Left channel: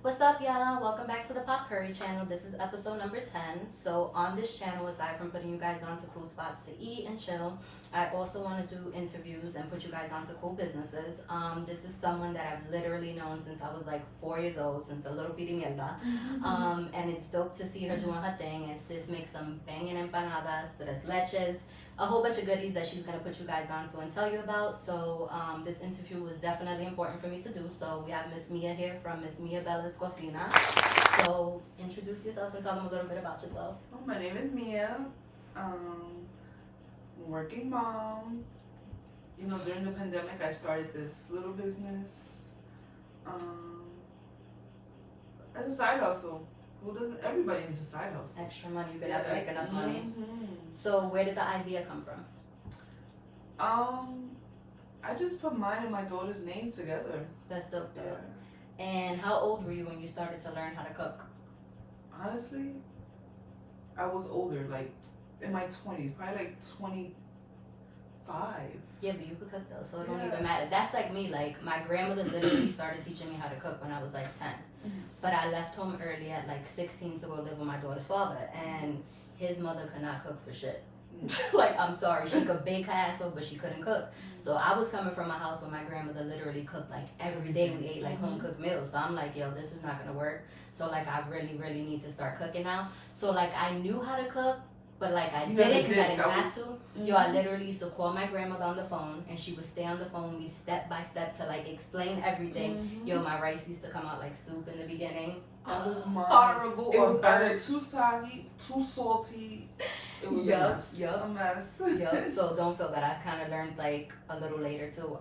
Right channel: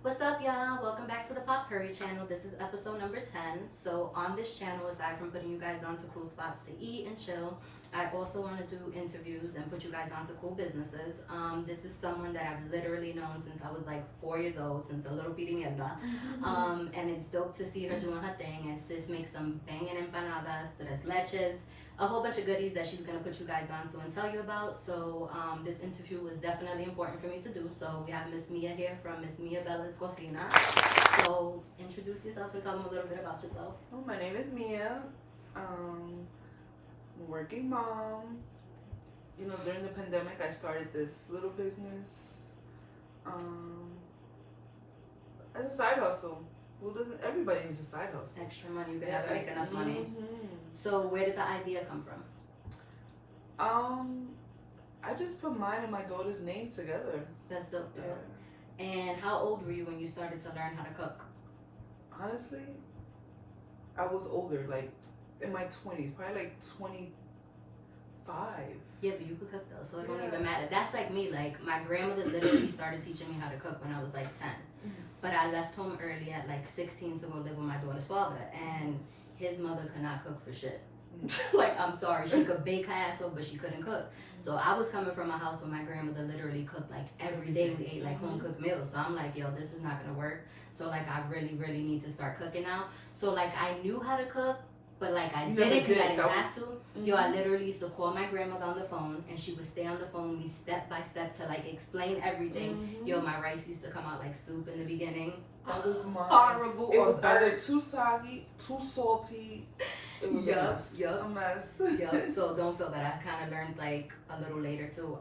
What's up, y'all? Welcome back to the Purri channel. This is episode number 10. So, on this channel, aside from putting you guys onto cool spots to eat and chill, I also want to do interviews and put you guys onto cool businesses. This is someone that I've literally known since I was like 4 years old, since a little bitty mierda. And it's dope to see her doing her thing. And sis makes some banging empanadas, tres leches, a whole bunch of goodies that she's gonna put you guys on to and tell you about. So this interview was definitely important for me to do. So we have Miss Mia here from Miss Miabellas Cocina. So introduce yourself and tell them a little bit about yourself. Oh, my name is Mia. Working mom. During the pandemic, I started this little business as a side hustle. Who doesn't? Everybody needs a side hustle. Extra money, you could never make enough money. So where did the idea come from? I just put mine and my daughter's name together. That's dope though. Yeah. And how old were you when you started to learn how to cook? Honestly, I was older, like in my 20s, probably like 25. Yeah, but you could cook though, so it don't even matter. That's like me. Like my grandmother literally started teaching me how to cook when I was like 10. But I left home early at like 16 to go live with my daughter's father, and his mother could not cook for shit. Like, I'm sorry, she could bake her ass off, but she couldn't cook. So I was coming from a house where my grandmother literally cooked like every day. We ate like home cooked meals. So I'm like, yo, this is not gonna work. So like, I really need to start cooking now. So like, I knew how to cook, but like I didn't because I didn't have to. Yo, I literally used to call my grandmother on the phone, and she would stay on the phone with me step by step to like explain everything. Yo, my rice used to come out like soup in the beginning. That was mine. Horrible. It was either too soggy, too salty. It was a mess. Yep. So don't feel bad. I kind of learned like a little later too.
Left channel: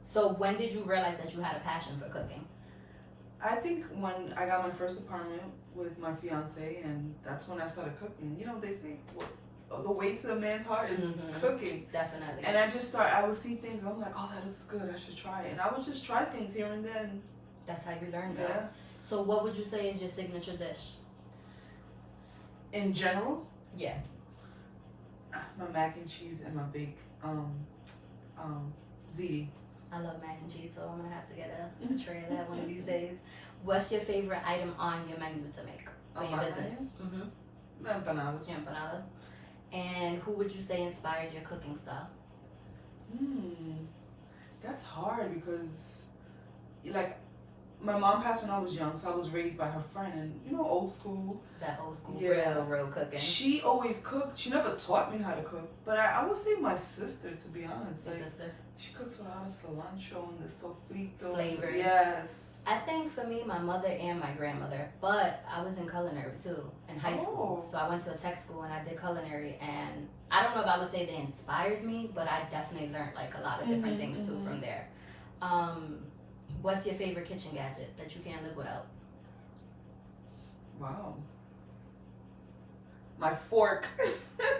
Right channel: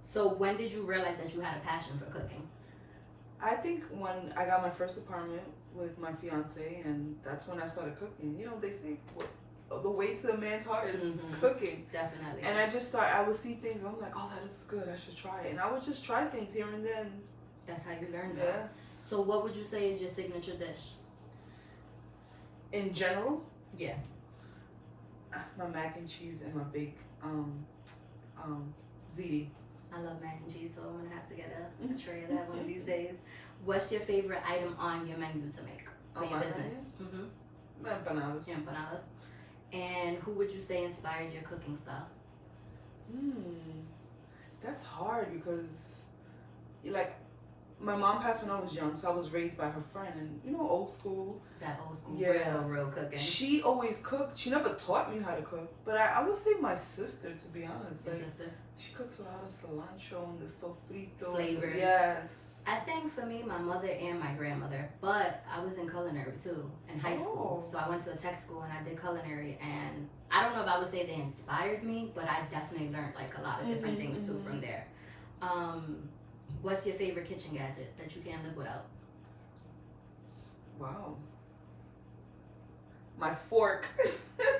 So when did you realize that you had a passion for cooking? I think when I got my first apartment with my fiance, and that's when I started cooking. They say the way to a man's heart is cooking. Definitely. And I would see things, and I'm like, oh, that looks good, I should try it. And I would just try things here and then. That's how you learn though. Yeah. So what would you say is your signature dish? In general? Yeah. My mac and cheese and my baked ziti. I love mac and cheese, so I'm gonna have to get a tray of that one of these days. What's your favorite item on your menu to make for your business? Empanadas. Empanadas. And who would you say inspired your cooking style? That's hard because, like, my mom passed when I was young, so I was raised by her friend, and old school. That old school, yeah. real cooking. She always cooked. She never taught me how to cook, but I would say my sister, to be honest. Your like, sister? She cooks with a lot of cilantro and the sofrito flavors. Yes. I think for me, my mother and my grandmother, but I was in culinary too in high school. So I went to a tech school and I did culinary, and I don't know if I would say they inspired me, but I definitely learned like a lot of different things too from there. What's your favorite kitchen gadget that you can't live without? Wow. My fork.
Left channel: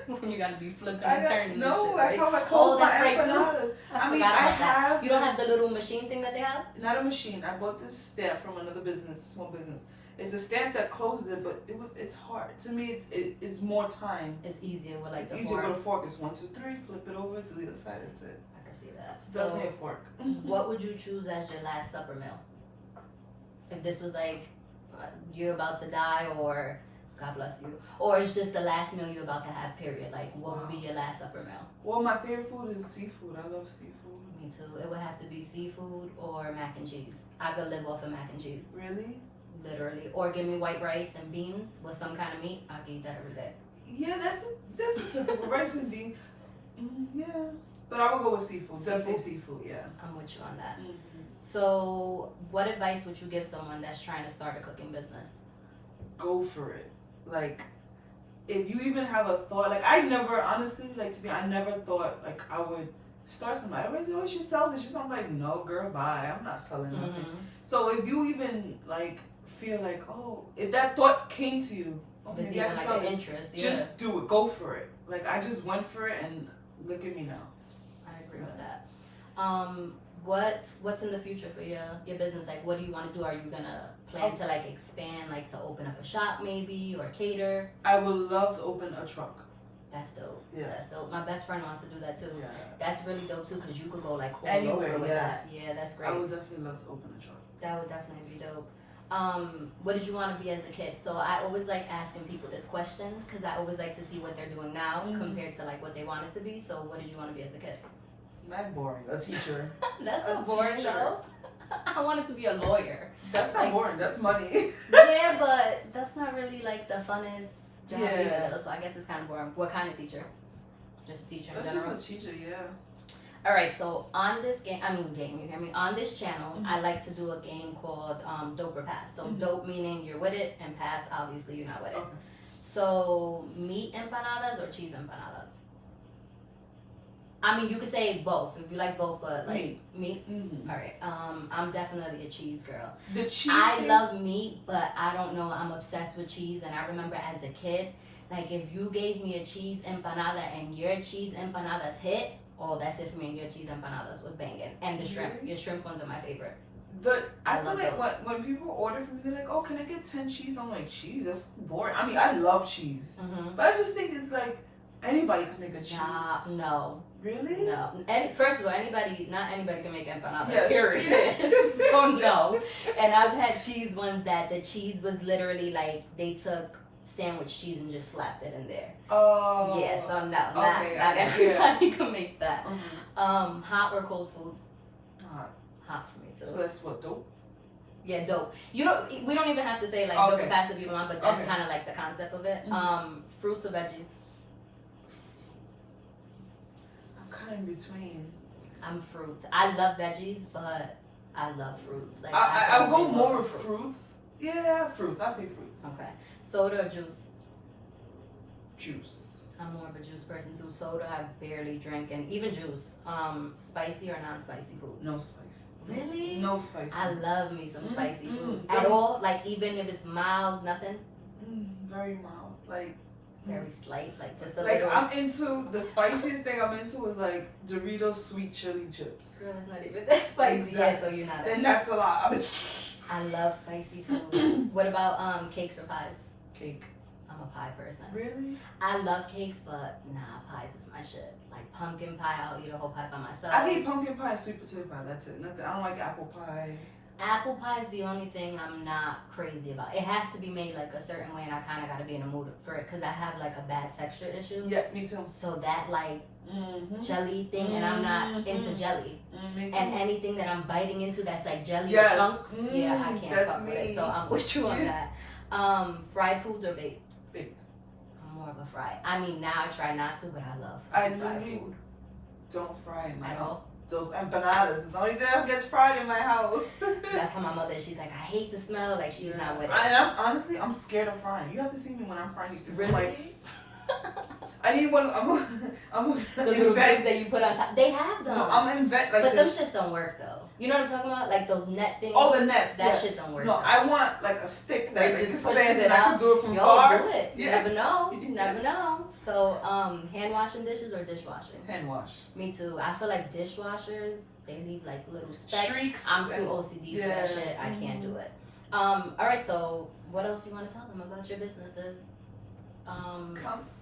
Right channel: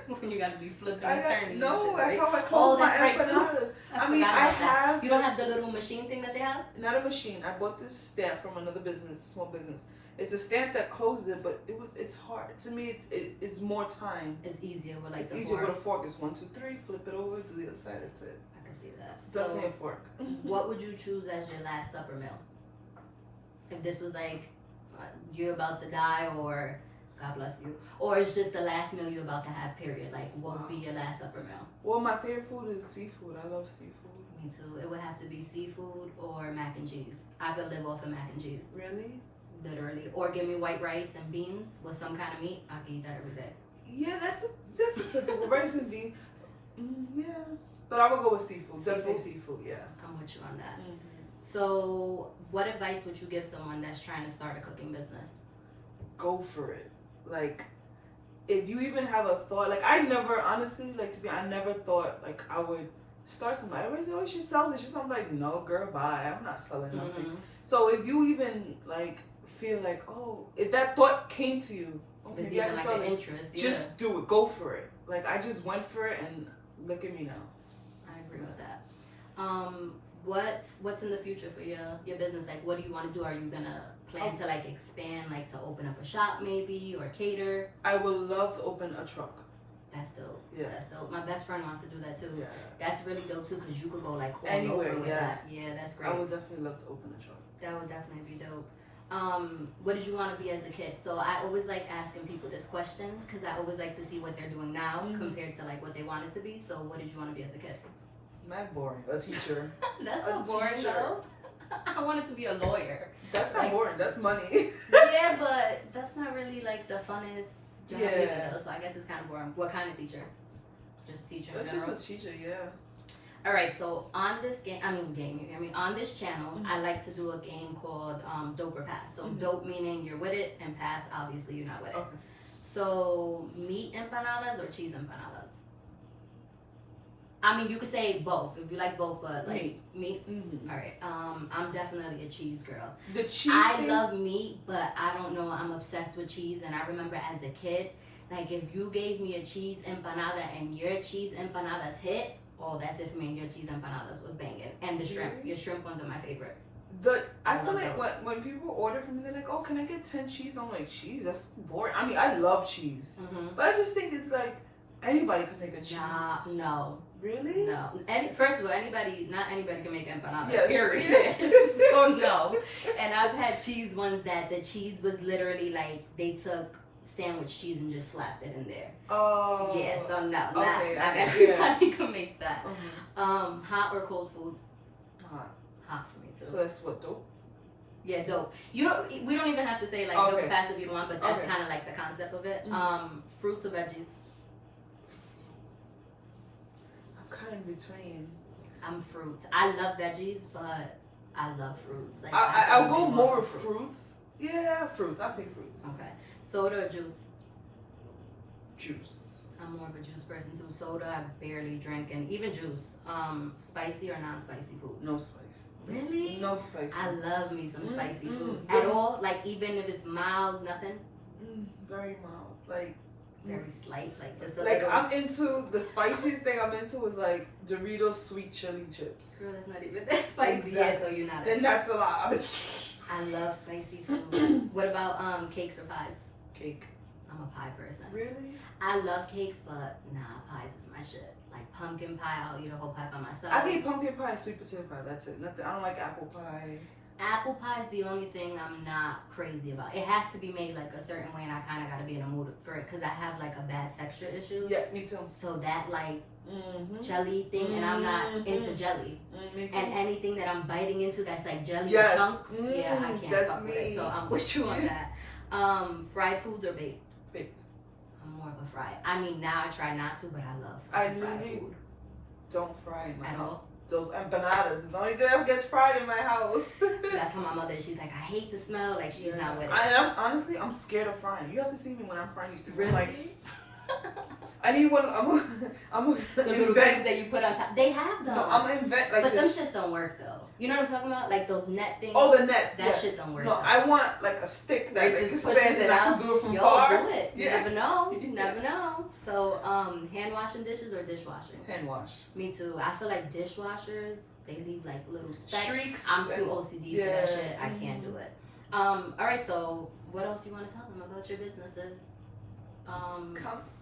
You gotta be flipping and turning. No, that's how I close my empanadas. I have. You don't have the little machine thing that they have? Not a machine. I bought this stamp from another business, a small business. It's a stamp that closes it, but it's hard. To me, it's more time. It's easier with like it's the easier fork. with a fork. It's 1, 2, 3. Flip it over to the other side. That's it. I can see that. It's definitely a fork. What would you choose as your last supper meal? If this was like you're about to die, or God bless you, or it's just the last meal you're about to have, period. Like, what would be your last supper meal? Well, my favorite food is seafood. I love seafood. Me too. It would have to be seafood or mac and cheese. I could live off of mac and cheese. Really? Literally. Or give me white rice and beans with some kind of meat. I could eat that every day. Yeah, that's a typical rice and beans. Yeah. But I would go with seafood. Definitely seafood, yeah. I'm with you on that. So, what advice would you give someone that's trying to start a cooking business? Go for it. Like, if you even have a thought, like, I never, honestly, like, I never thought, like, I would start something. Everybody says, oh, she sells this. I'm like, no, girl, bye. I'm not selling nothing. So, if you even, like, feel like, oh, if that thought came to you, okay, maybe I can sell it. Interest, just do it. Go for it. Like, I just went for it, and look at me now. I agree with that. What's in the future for your business? Like, what do you want to do? Are you gonna plan to like expand, like to open up a shop maybe, or cater? I would love to open a truck. That's dope. Yeah. That's dope. My best friend wants to do that too. Yeah. That's really dope too, because you could go like all anywhere over with yes. that. Yeah, that's great. I would definitely love to open a truck. That would definitely be dope. what did you want to be as a kid? So I always like asking people this question because I always like to see what they're doing now compared to like what they wanted to be. So what did you want to be as a kid? Not boring. A teacher. That's not boring though. I wanted to be a lawyer. That's not boring. That's money. Yeah, but that's not really like the funnest job either. So I guess it's kind of boring. What kind of teacher? Just a teacher in general? Just a teacher, yeah. All right, so on this on this channel, I like to do a game called Dope or Pass. So dope meaning you're with it, and pass obviously you're not with it. Okay. So meat empanadas or cheese empanadas? I mean, you could say both if you like both, but like meat. Mm-hmm. All right, I'm definitely a cheese girl. The cheese. I love meat, but I don't know. I'm obsessed with cheese, and I remember as a kid, like if you gave me a cheese empanada and your cheese empanadas hit. Oh, that's it for me. And your cheese empanadas was banging, and the shrimp. Your shrimp ones are my favorite. I feel like when people order from me, they're like, "Oh, can I get 10 cheese?" I'm like, "Cheese? That's boring." I mean, I love cheese, but I just think it's like anybody could make a cheese. No. Really? No. First of all, not anybody can make empanadas. Yeah, period. So no. And I've had cheese ones that the cheese was literally like they took sandwich cheese and just slapped it in there. Oh. Yeah, so no, not everybody can make that. Hot or cold foods? Hot for me too. So that's what, dope? Yeah, dope. We don't even have to say like dope fast if you don't want, but that's kind of like the concept of it. Fruits or veggies? I'm kind of in between. I'm fruits. I love veggies, but I love fruits. Like I'll go more with fruits. Yeah, fruits. I say fruits. Okay. Soda or juice? Juice. I'm more of a juice person too. Soda, I barely drink, and even juice. Spicy or non-spicy food? No spice. Really? No spice. I love me some spicy food. At all? Like even if it's mild, nothing? Very mild. Like very slight, like just a like little. I'm into the spiciest thing I'm into is like Doritos sweet chili chips. Girl, it's not even that spicy. Exactly. Yeah, so you're not. Then that's a lot. I love spicy food. What about cakes or pies? Cake. I'm a pie person. Really? I love cakes, but nah, pies is my shit. Like pumpkin pie, I'll eat a whole pie by myself. I eat pumpkin pie and sweet potato pie. That's it. Nothing. I don't like apple pie. Apple pie is the only thing I'm not crazy about. It has to be made like a certain way, and I kind of got to be in a mood for it because I have like a bad texture issue. Yeah, me too. So that like jelly thing, and I'm not into jelly. Me too. And anything that I'm biting into that's like jelly chunks, yeah, I can't fuck with it. So I'm with you on that. Fried foods or baked? Baked. I'm more of a fried. I mean, now I try not to, but I love fried food. Don't fry in my At house. all? Those empanadas is the only thing that gets fried in my house. That's how my mother, she's like, I hate the smell. Like, she's not with it. I'm scared of frying. You have to see me when I'm frying these things. Really? Like, I need one. I'm the little things that you put on top. They have them. No, I'm invent like but this. them shits don't work though. You know what I'm talking about? Like those net things. Oh, the nets. That shit don't work. No, though. I want like a stick that just expands and I can do it from Yo, far. Do it. You never know. You never know. So, hand washing dishes or dishwashing? Hand wash. Me too. I feel like dishwashers, they leave like little streaks. I'm too OCD for that shit. I can't do it. All right. So, what else do you want to tell them about your businesses?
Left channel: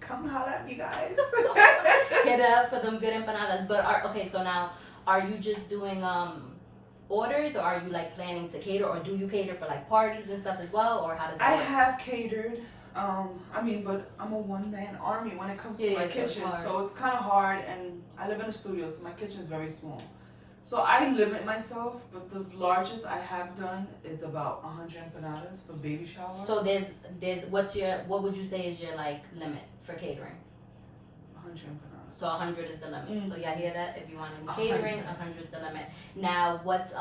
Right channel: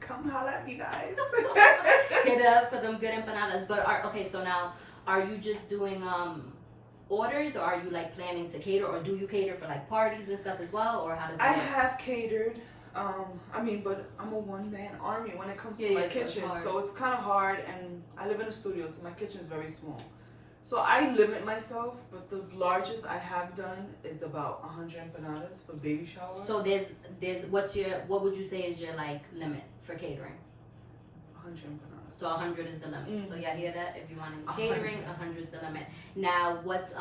Come holla at me, guys. Hit up for them good empanadas. But okay, so now are you just doing orders, or are you like planning to cater, or do you cater for like parties and stuff as well, or how does that I work? have catered. I mean, but I'm a one-man army when it comes to my kitchen, so it's kind of hard. And I live in a studio, so my kitchen is very small. So I limit myself, but the largest I have done is about 100 empanadas for baby shower. So there's what would you say is your like limit for catering? 100 empanadas. So 100 is the limit. So y'all hear that? If you want any catering, 100 is the limit. Now, what's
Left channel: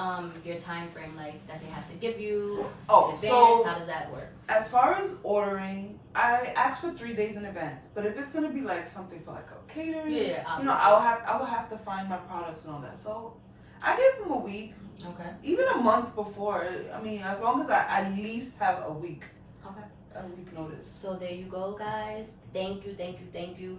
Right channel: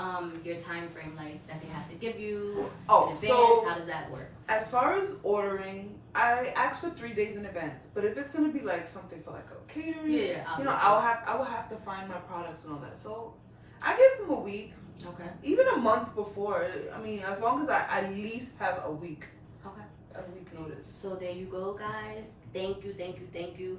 your time frame like that they have to give you? Oh, in advance? so how does that work? As far as ordering, I ask for 3 days in advance. But if it's gonna be like something for like a catering, you know, I will have to find my products and all that. So I give them a week. Okay. Even a month before. I mean, as long as I at least have a week. Okay. A week notice. So there you go, guys. Thank you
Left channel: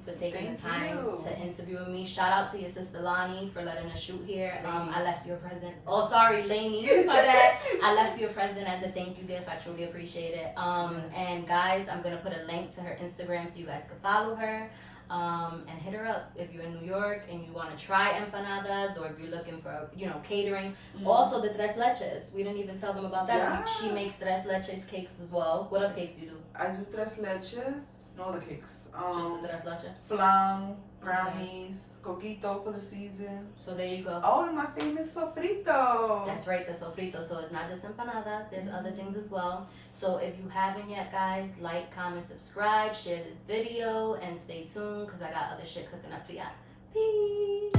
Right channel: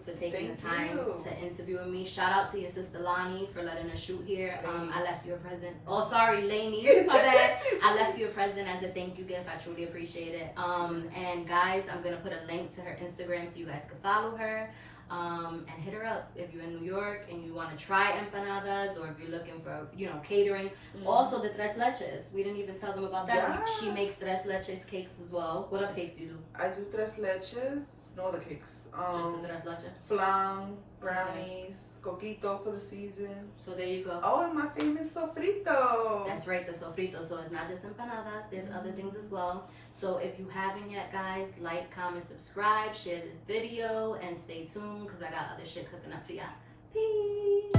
for taking the time to interview with me. Shout out to your sister Lonnie for letting us shoot here. I left you a present. Oh, sorry, Lainey, my bad. I left you a present as a thank you gift. I truly appreciate it. And guys, I'm gonna put a link to her Instagram so you guys can follow her. And hit her up if you're in New York and you want to try empanadas, or if you're looking for, catering. Also, the tres leches. We didn't even tell them about that. Yes. She makes tres leches cakes as well. What other cakes do you do? I do tres leches. No, the cakes. Just the tres leche? Flan, brownies, coquito for the season. So there you go. Oh, and my famous sofrito. That's right, the sofrito. So it's not just empanadas. There's other things as well. So if you haven't yet, guys, like, comment, subscribe, share this video, and stay tuned because I got other shit cooking up for y'all. Peace.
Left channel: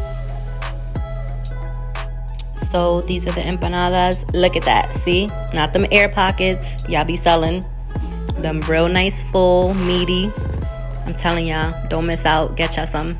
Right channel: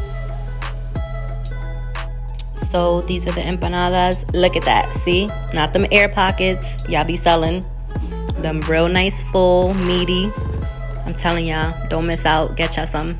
So these are the empanadas. Look at that. See? Not them air pockets y'all be selling. Them real nice, full, meaty. I'm telling y'all, don't miss out. Get y'all some.